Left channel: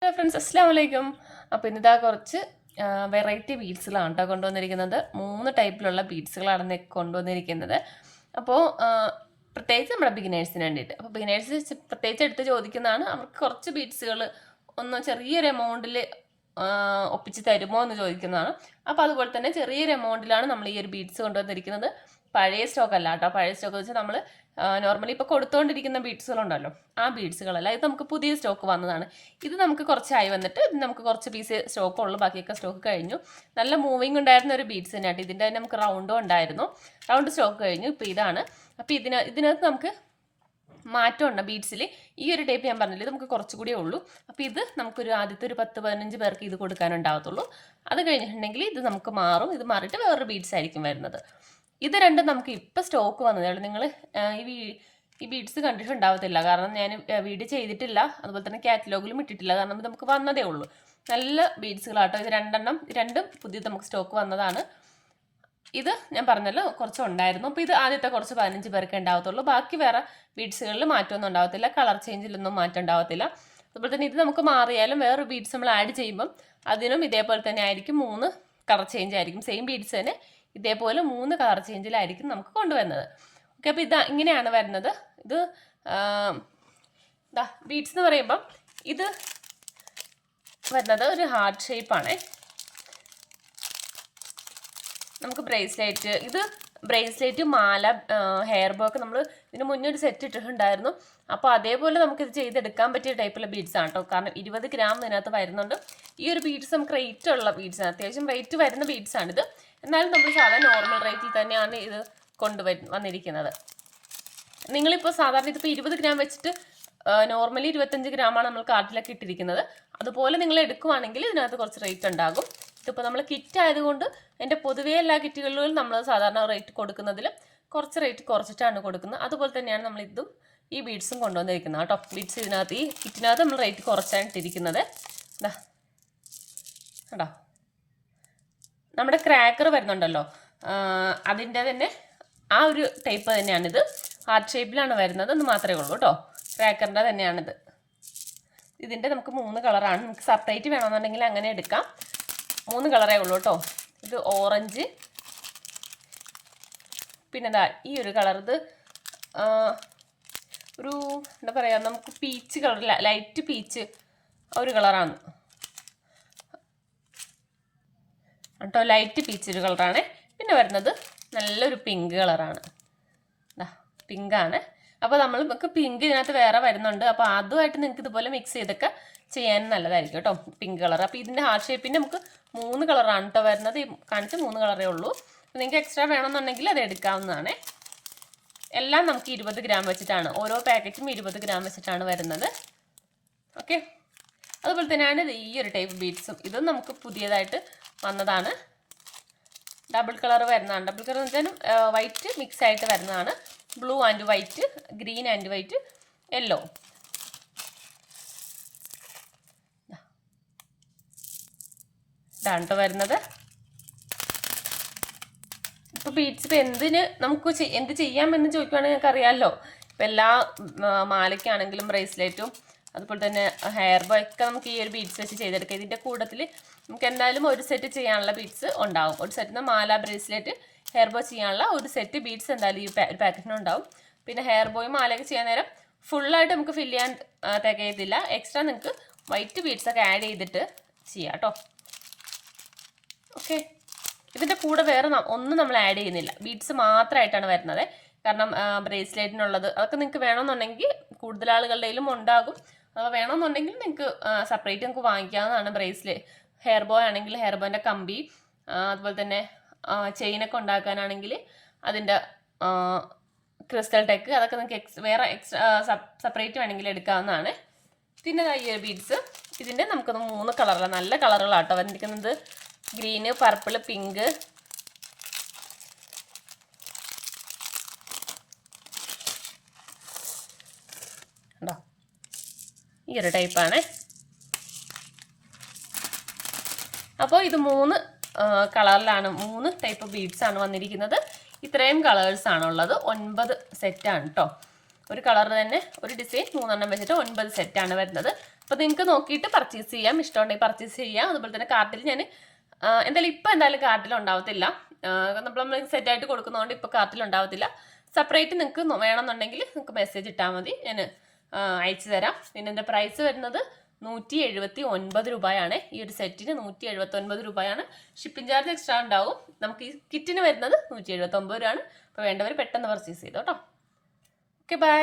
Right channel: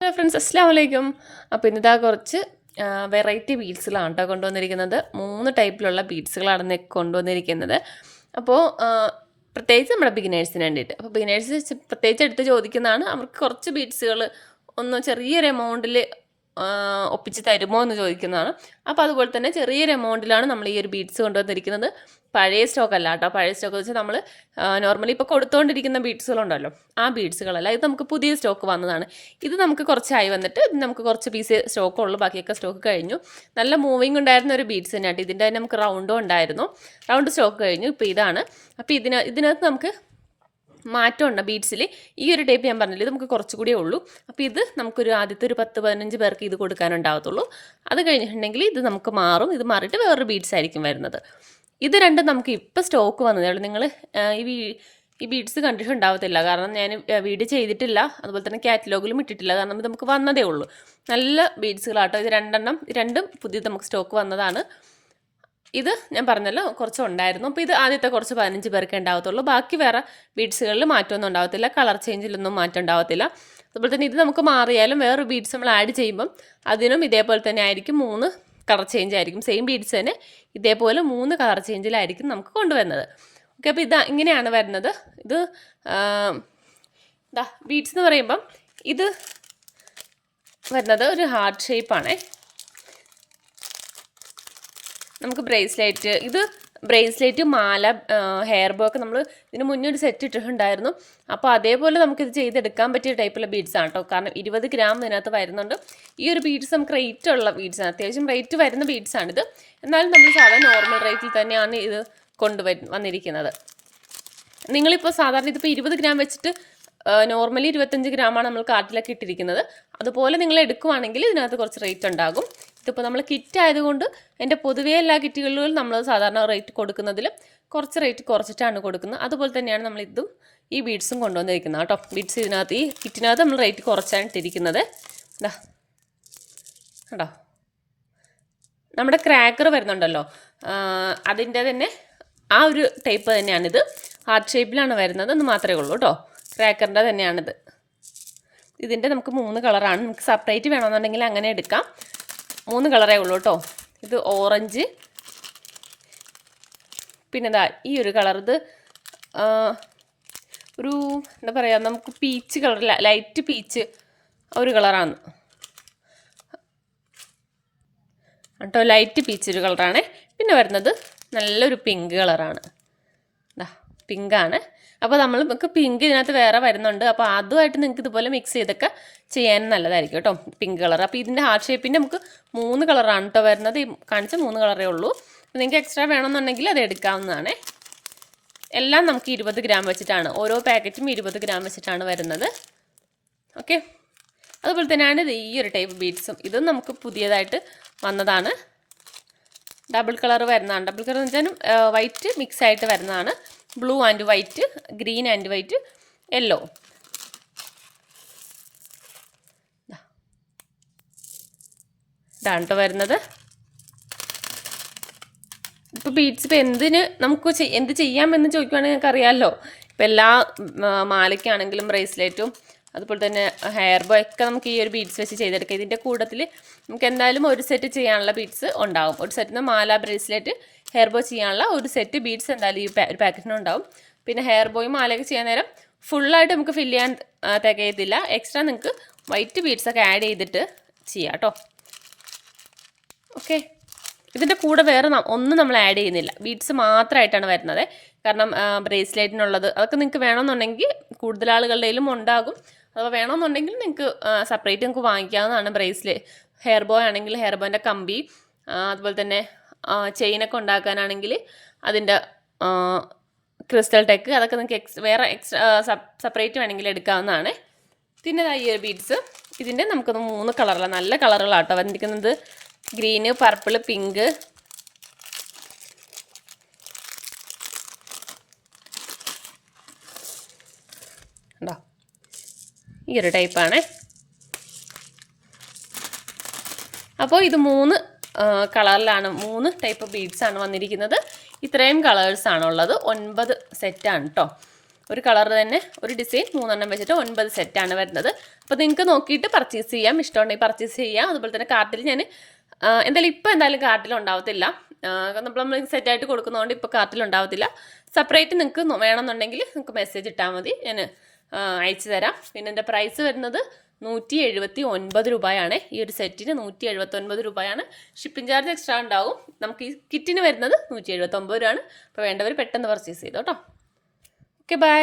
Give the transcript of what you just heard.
Hello friends, അസ്സാം വലൈക്കും. അപ്പോൾ ഇന്നിതാ കുറച്ച് വെറൈറ്റി ബീഡ്സുകളാണ് കേട്ടോ കൊണ്ടുവന്നിരിക്കുന്നത്. 3 ടൈപ്പിലുള്ള ബീഡ്സുകളാണ് കൊണ്ടുവന്നിരിക്കുന്നത്. അപ്പോൾ പ്രത്യേകിച്ച് നമ്മുടെ ബിഗിനേഴ്സിന് വേണ്ടിയിട്ട്. അപ്പോൾ ബിഗിനേഴ്സ് പ്രത്യേകിച്ച് എടുത്ത് ചോദിക്കുന്നതാണ്, അവർക്ക് കുറച്ച് ബീഡ്സുകൾ ഒന്ന് ചെറിയൊരു എമൗണ്ടിൽ ഒപ്പിച്ച് തരുമോ എന്ന് ചോദിക്കുന്നതാണ്. അപ്പോൾ അതുപോലെ തന്നെ ചെറിയൊരു എമൗണ്ടിലാണ് നമ്മൾ ഈ ഒരു ബീഡ്സ് കൊണ്ടുവന്നിരിക്കുന്നത്. പഴയ സ്റ്റോക്ക് അല്ല കേട്ടോ. പഴയ സ്റ്റോക്ക് വെച്ചാൽ നമ്മൾ നോർമലി ഇപ്പോൾ കൊടുത്തുകൊണ്ടിരിക്കുന്ന ബീഡ്സുകളുണ്ടല്ലോ, ആ ബീഡ്സുകളല്ല. ഇത് നമുക്ക് പുതിയ സ്റ്റോക്ക് വന്നതാണ്. ഇത് നമുക്ക് കുറച്ചായി വന്നിട്ട് നമുക്ക് കുറച്ച് പീസ് സ്റ്റോക്ക് ഉള്ളൂ, ബാക്കിയൊക്കെ സ്റ്റോക്ക് കഴിഞ്ഞു. നല്ല മൂവിങ് ഉണ്ടായിരുന്ന ഒരു ബീഡ്സ് തന്നെയായിട്ട്. ഇതിൻ്റെ തന്നെ നമുക്ക് റൗണ്ടും ഉണ്ടായിരുന്നു. റൗണ്ട് സ്റ്റോക്ക് കഴിഞ്ഞു. ഇപ്പോൾ ഇതാണ്. അപ്പോൾ ഇതിനകത്ത് നമുക്ക് മാറ്റമുണ്ട് ബീഡ്സിൽ. ഈ ഒരു ടൈപ്പ് ഞാൻ പറഞ്ഞില്ല, ഇത് നമുക്ക് കുറച്ചുകൂടിയേ ഉള്ളൂ. അപ്പോൾ ഇത് നമുക്കൊരു ആദ്യത്തെ ഒരു 10-15 പേർക്ക് ഇത് കൊടുക്കാനുണ്ടാകത്തുള്ളൂ. അത് കഴിഞ്ഞിട്ടുണ്ടെങ്കിൽ ഇത് നമുക്ക് മാറും. ഇത് മാറിയിട്ട് വേറൊരു ബീഡ്സ് ആയിരിക്കും വരുന്നത്. ഇത് രണ്ടും നമുക്ക് ഇപ്പോൾ സ്റ്റോക്ക് വന്നതേ ഉള്ളൂ. നിങ്ങൾ ഈ ബീഡ്സ് കണ്ടിട്ടുണ്ടാവത്തില്ല, കാരണം ഞാൻ വീഡിയോ ചെയ്തിട്ടില്ല, അതുപോലെ തന്നെ കാറ്റലോഗിലും ഇട്ടിട്ടില്ല, കാരണം ഇത് നമുക്ക് വന്നതേ ഉള്ളൂ. നല്ല ബീഡ്സുകളാട്ടോ. ഇത് രണ്ടും പുതിയത് നമുക്ക് സ്റ്റോക്ക് വന്നതാണ്. ഇത് ഞാൻ പറഞ്ഞല്ലോ കുറച്ച് ഉണ്ടായിരുന്നു. അപ്പോൾ ഇത് ആദ്യത്തെ കുറച്ച് 15 പേർക്ക് ഉണ്ടാകത്തുള്ളൂ. ബാക്കി വേറെ ബീഡ്സുകളിൽ മാറ്റമൊന്നും ഉണ്ടാകത്തില്ല, കളർ ചേഞ്ചിലൊന്നും മാറ്റം ഉണ്ടാകത്തില്ല. അതുപോലെ തന്നെ ഇത് നമുക്ക് മാറിയാലും വേറൊരു ബീഡ്സ് നമ്മൾ ആഡ് ചെയ്യുമ്പം അതിനും ഇതേപോലെ തന്നെ ആയിരിക്കും, 3 കളർ ചേഞ്ച് ആയിരിക്കും. സെയിം ബീഡ്സ് തന്നെ ഇതേപോലെ 3 കളർ ചേഞ്ചിലായിരിക്കും നമുക്ക് കൊണ്ടുവരുന്നത്. ഓക്കെ, അപ്പോൾ ഇങ്ങനെയാണ് വരുന്നത്. ഇത് ബീഡ്സ് എന്ന് പറയുമ്പം ഇത് വരുന്നത് ഒരു ഹാർട്ട് ഷേപ്പാണേ. നമുക്ക് ബ്രേസ്ലെറ്റ്, ഇത് ബ്രേസ്ലെറ്റ്, മാല, ഹെയർ ബോ ഒക്കെ നമ്മൾ ഇതിന് മുന്നേ ഒരു സെറ്റ് ഇട്ടിട്ടുണ്ടായിരുന്നു. അപ്പോൾ അതേപോലെ നമുക്കിത് ചെയ്തെടുക്കാൻ പറ്റിയ ടൈപ്പുള്ള ബീഡ്സ് ആണ് കേട്ടോ. കാരണം 20 ഗ്രാം ഇതിനകത്ത് വരുന്നുണ്ട്. ഈ ഒരു ബീഡ്സ് നമുക്ക് റേറ്റ് ഉള്ള ബീഡ്സാണ്, അത്യാവശ്യം റേറ്റ് വരുന്ന ബീഡ്സാണിത്. എന്നാലും നമ്മൾ സാധാരണ നോർമൽ റേറ്റിൽ തന്നെയാണ് ഇത് വന്നിരിക്കുന്നത്. നിങ്ങളിപ്പോൾ സാധാരണ ഇതിപ്പോൾ 20 ഗ്രാം വെച്ചിട്ട് നോർമലി 25 ഗ്രാമാണ് നമ്മൾ കാർട്ടിലൊക്കെ ഇട്ടിരിക്കുന്നത്. അതുപോലെ നിങ്ങൾ എടുക്കുവാണെങ്കിൽ ഇതിനകത്ത് കുറച്ച് റേറ്റ് ഉണ്ടാകും. ഇതിപ്പോൾ നമ്മൾ കിറ്റ് ആയതുകൊണ്ട് എൻ്റെ പൊതുവേ എല്ലാ കിറ്റുകളിലും നമ്മൾ സാധാരണ റേറ്റ് കൊടുക്കുന്നതിൽ കുറച്ച് റേറ്റ് കുറച്ചിട്ടാണ് കൊടുക്കുന്നത്. അതുപോലെ തന്നെയാണ് നമ്മൾ ഈ ബീഡ്സും കൊണ്ടുവന്നിരിക്കുന്നത് കേട്ടോ. ബീഡ്സ് ഈ കിറ്റിനകത്ത് നമ്മൾ റേറ്റ് കുറച്ചാണ് ഇട്ടിരിക്കുന്നത്. കേട്ടോ, നമ്മുടെ ക്രാക്കർ വരുന്നുണ്ടല്ലോ, അതിൻ്റെ തന്നെ ആ ഒരു ടൈപ്പ് തന്നെയാണിത്. ഹാർട്ട് ഷേപ്പിലാണ് വരുന്നത് എന്ന് മാത്രമേ ഉള്ളൂ കേട്ടോ. ക്രാക്കറിൻ്റെ തന്നെയാണിത്. ഇതിൻ്റെ നമുക്ക് 3 കളറാണ്. നമുക്ക് സെപ്പറേറ്റ് വേണമെന്നുണ്ടെങ്കിൽ അങ്ങനെ എടുക്കാം. 3 കളറേ ഉള്ളൂ കേട്ടോ. ഇത് ഓറഞ്ച്, പിന്നെ ഈ ഒരു കളർ, ഇത് ഒരു എന്താ പറയുക, നമുക്ക് പീച്ച് കളർ, ലൈറ്റ് പീച്ച് ഒരു കളറാണ് കേട്ടോ. ലൈറ്റ് പീച്ച് ഒരു കളറാണ്. പിന്നെ വരുന്നത് നല്ലൊരു പിങ്ക് കളറാണ്. പിങ്കാണ്. അപ്പോൾ നമുക്ക് പിങ്ക് ഇതിനകത്ത് വേറെ വരുന്നുണ്ട്. അപ്പോൾ അതുമായിട്ട് നിങ്ങൾക്ക് ഇതുപോലെ മിക്സ് ചെയ്തൊക്കെ ചെയ്യാൻ നല്ലതായിരിക്കും കേട്ടോ, പിങ്ക് കളർ. അപ്പോൾ ഇതിൻ്റെ ഹാർട്ട് ഷേപ്പിൻ്റെ നമുക്ക് 3 കളറാണ് കേട്ടോ വരുന്നത്. ഈ കാണിച്ച 3 കളറേ ഉള്ളൂ. അപ്പോൾ നിങ്ങൾക്ക് എക്സ്ട്രാ വേണമെന്നുണ്ടെങ്കിൽ അത് എടുക്കാവുന്നതാണ്. എല്ലാം നമുക്ക് 20 ഗ്രാം വെച്ചിട്ടാണ്, ഓരോ പാക്കറ്റും 20 ഗ്രാം വെച്ചിട്ടാണ് വരുന്നത്. ഓക്കെ, അതുപോലെ തന്നെയാണ് ഈ ഒരു ടൈപ്പ് ബീഡ്സും. ഇതും നമുക്ക് പുതിയതായിട്ട് വന്നതാണ്. ഡബിൾ കളർ വരുന്നതാണ്. ഡബിൾ കളർ എന്ന് വെച്ചാൽ വൈറ്റ് മിക്സ് ആയിട്ട് വരുന്നതാണ്. Blue and white, green and white, yellow. ഇതാണ് കേട്ടോ വരുന്നത്. ഇപ്പോൾ ബീഡ്സ് ഇപ്പോൾ നമുക്ക് എന്ത് ചെയ്യാമെന്ന് ചോദിക്കുകയാണെങ്കിൽ ഞങ്ങൾക്ക് അറിയാമല്ലോ. ഇപ്പോൾ എല്ലാ മാലയ്ക്കാണെങ്കിലും ബ്രേസ്ലെറ്റും അതുപോലെ തന്നെ ഹെയർ ബോ ഒക്കെ നമുക്ക് ഈ ഒരു ബീഡ്സ് വെച്ച് ചെയ്തെടുക്കാം. ഇതിൻ്റെ കൂട്ടത്തിൽ നമുക്ക് എന്തായാലും ഒരു സെറ്റ് ചെയ്യാനുള്ള ബീഡ്സ് ഉണ്ടാകും. ഒരു സെറ്റിന് മാല, ബ്രേസ്ലെറ്റ്, ഹെയർ ബോ ചെയ്യാനുള്ള ഒരു സെറ്റ് ബീഡ്സ് എന്തായാലും ഈ ഒരു പാക്കറ്റിനുണ്ടാവും. പിന്നെ ഹെയർ ബോയും മാലയൊക്കെ ചെയ്യാൻ നേരം ഫുള്ളായിട്ട് നമുക്ക് ഫില്ല് ചെയ്യാൻ തികയത്തില്ല. എക്സ്ട്രാ നിങ്ങൾക്ക് വൈറ്റ് ബീഡ്സൊക്കെ ആഡ് ചെയ്തിട്ട് ചെയ്യാം കേട്ടോ. ഓക്കെ, ഇതിൻ്റെ കൂടെ വേറെ ഒന്നും നമ്മൾ ആഡ് ചെയ്യുന്നില്ല, ബീഡ്സ് മാത്രമായിട്ടാണ് വരുന്നത്. കാരണം ബ്രേസ്ലെറ്റിനുള്ളത് അതൊക്കെ നിങ്ങൾക്ക് വേണമെന്നുണ്ടെങ്കിൽ കൂടുതൽ ആളുകളുടെയിലും ഉണ്ടാകും. അപ്പോൾ വേണമെന്നുണ്ടെങ്കിൽ നിങ്ങൾക്ക് സെപ്പറേറ്റ് നിങ്ങൾക്ക് വാങ്ങിക്കാവുന്നതാണ്. ഹെയർ ബോ ആണെങ്കിൽ ഹെയർ ബോൻ്റെ കമ്പി, അതുപോലെ തന്നെ ചെയിനൊക്കെ ഉണ്ടാക്കാനാണെങ്കിൽ അതിൻ്റെ ക്രിസ്റ്റൽ ടെക്ക്, അതൊക്കെ നിങ്ങൾക്ക് വേറെ എക്സ്ട്രാ സെപ്പറേറ്റ് വേണമെങ്കിൽ എടുക്കാവുന്നതാണ്. പിന്നെ ഈ ഒരു ബീഡ്സ് ഇതിൻ്റെ നമുക്കൊന്ന് 3 കളറിലാണ്, നല്ല കളറുകളാട്ടോ വന്നിരിക്കുന്നത്. Green, purple, pink. ഉണ്ടോ, ഈ ഒരു ടൈപ്പാണ്. അപ്പോൾ ഇത് 3 കളറിലാണ്, 3 ടൈപ്പ് ബീഡ്സാണ് വന്നിരിക്കുന്നത്. ഇത്രയും കളേഴ്സാണുള്ളത്. 9 സെറ്റാണ് കേട്ടോ. ഒരു കളർ തന്നെ ഒരു ഡിസൈൻ 3 വെച്ചിട്ട് 9 സെറ്റാണ് വരുന്നത്. അപ്പോൾ നിങ്ങൾക്ക് നോക്കിയിട്ട് പർച്ചേസ് ചെയ്യാം, ഇഷ്ടമുണ്ടെങ്കിൽ പർച്ചേസ് ചെയ്യാം. അതുപോലെ തന്നെ കാർട്ടിൽ ഞാൻ എന്തായാലും കാർട്ടിലുണ്ടാവത്തില്ല, നമ്മൾ സെറ്റായിട്ട് കൊടുക്കുന്നതുകൊണ്ട് ഇപ്പോൾ കാർട്ടിലുണ്ടാവത്തില്ല. സെപ്പറേറ്റ് നിങ്ങൾക്ക് വേണമെന്നുണ്ടെങ്കിൽ നിങ്ങൾക്ക് മെസ്സേജ് ഇട്ടാൽ മതി, ഞാൻ അയച്ചു തരാം. പിന്നെ എൻ്റെ പ്രൈസ് വരുന്നത് 179 രൂപയാണ്. ഈ ഒരു സെറ്റിന് 179 രൂപയാണ്. ഷിപ്പിംഗ് ചാർജ് എക്സ്ട്രാ ഉണ്ടാവും. നമുക്ക് ഈ കിറ്റിന് വരുന്നത് 179 രൂപയാണ്. അപ്പോൾ വേണ്ടവർ പെട്ടെന്ന് പർച്ചേസ് ചെയ്തോ കേട്ടോ. Okay, by.